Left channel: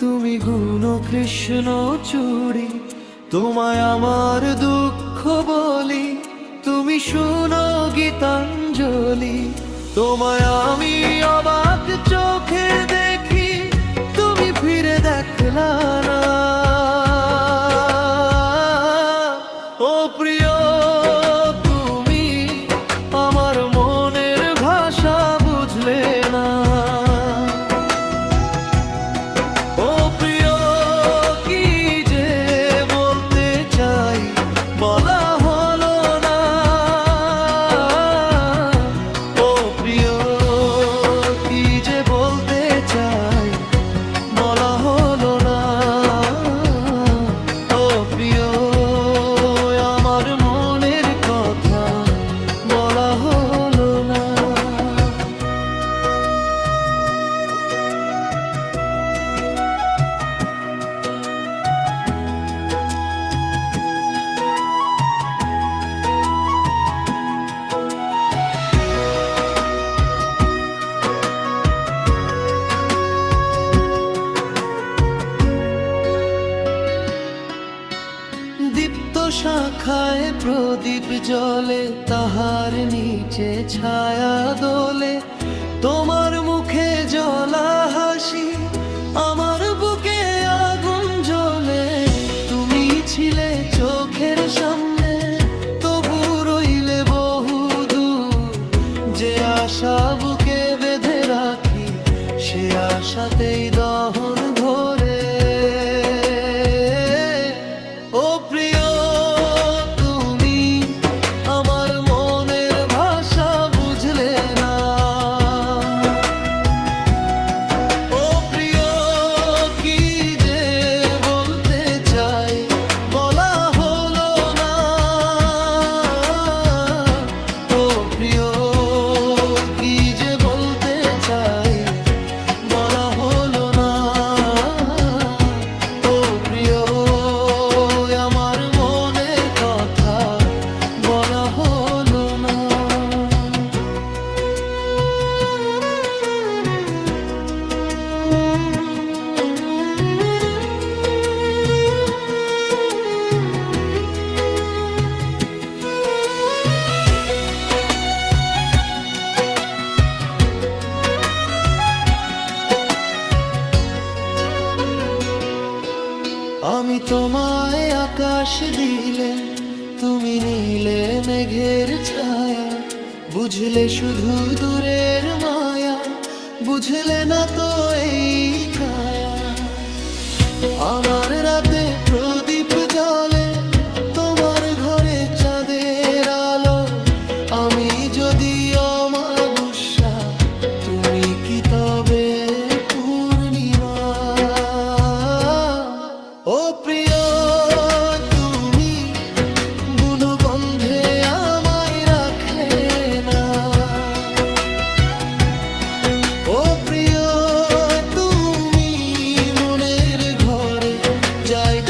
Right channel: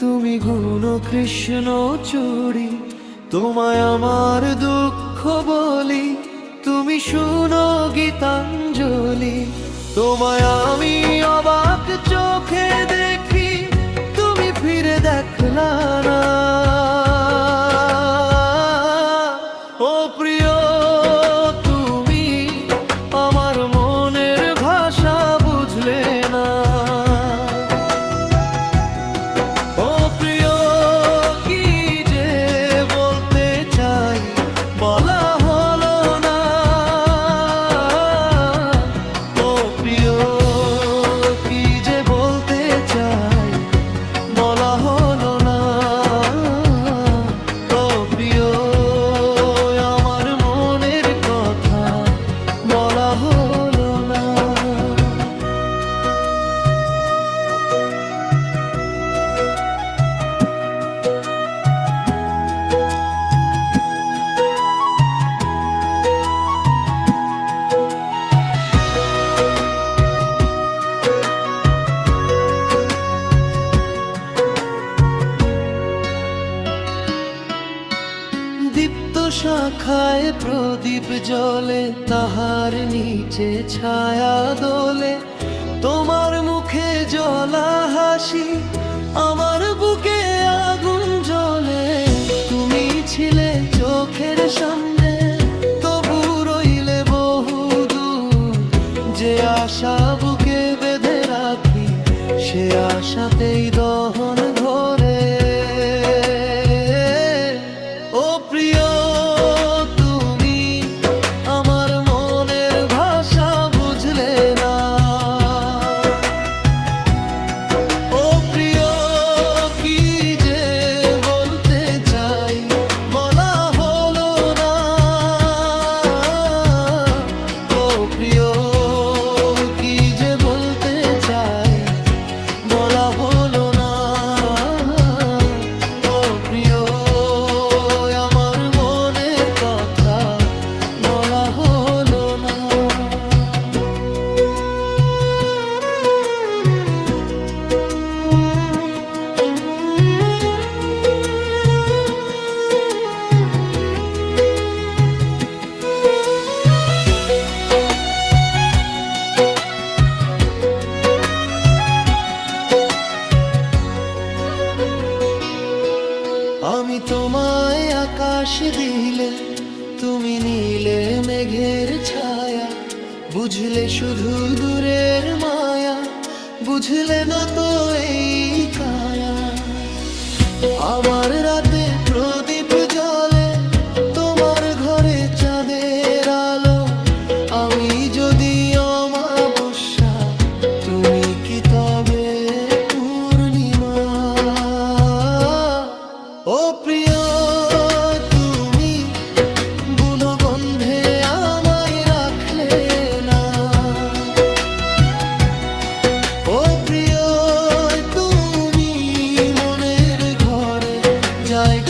তুমি গুণ কৃষ্ণ চূড়ি, তোমায় আমার দুঃখ বলি, তুমি শুনো গীতাঞ্জলি। তোমায় আমি অবাক চোখে দেখি, তুমি ফিরে দেখলা না। ও প্রিয়, তুমি আমার মনের ভাষা বুঝলে না। ও প্রিয়, কি যে বলতে চাই বলা হলো না। ও প্রিয়, কি যে বলতে চাই বলা হলো না। ও প্রিয়, আমার মনের কথা বলা হলো না। দীপ্ত শাখায় প্রদীপ জ্বলে, তাহার নিচে ছায়া দোলে। তোমার মুখে জ্বলা হাসি, আমার বুকে আগুন জ্বলে। তুমি ছিলে চোখের সামনে, তবু রইলে বহু দূর। যে আশা বুকে বেঁধে রাখি, সে আশাতেই দহন ঘরে। ও প্রিয়, তুমি আমার মনের ভাষা বুঝলে না। ও প্রিয়, কি যে বলতে চাই বলা হলো না। ও প্রিয়, কি যে বলতে চাই বলা হলো না। ও প্রিয়, আমার মনের কথা বলা হলো না। আমি তোমায় আকাশ দিলে, তুমি নিলে মেঘের ছায়া। বুঝলে শুধু দূরের মায়া, বুঝলে না তো এই কায়া। আমার রাতে প্রদীপ জ্বলে, তোমার ঘরে চাঁদের আলো। আমি যদি অমাবস্যা, তুমি কি তবে পূর্ণিমা? ও প্রিয়, তুমি গুণগন্ধে আমায় রাখলে না। ও প্রিয়, তুমি মনের ঘরে জায়গা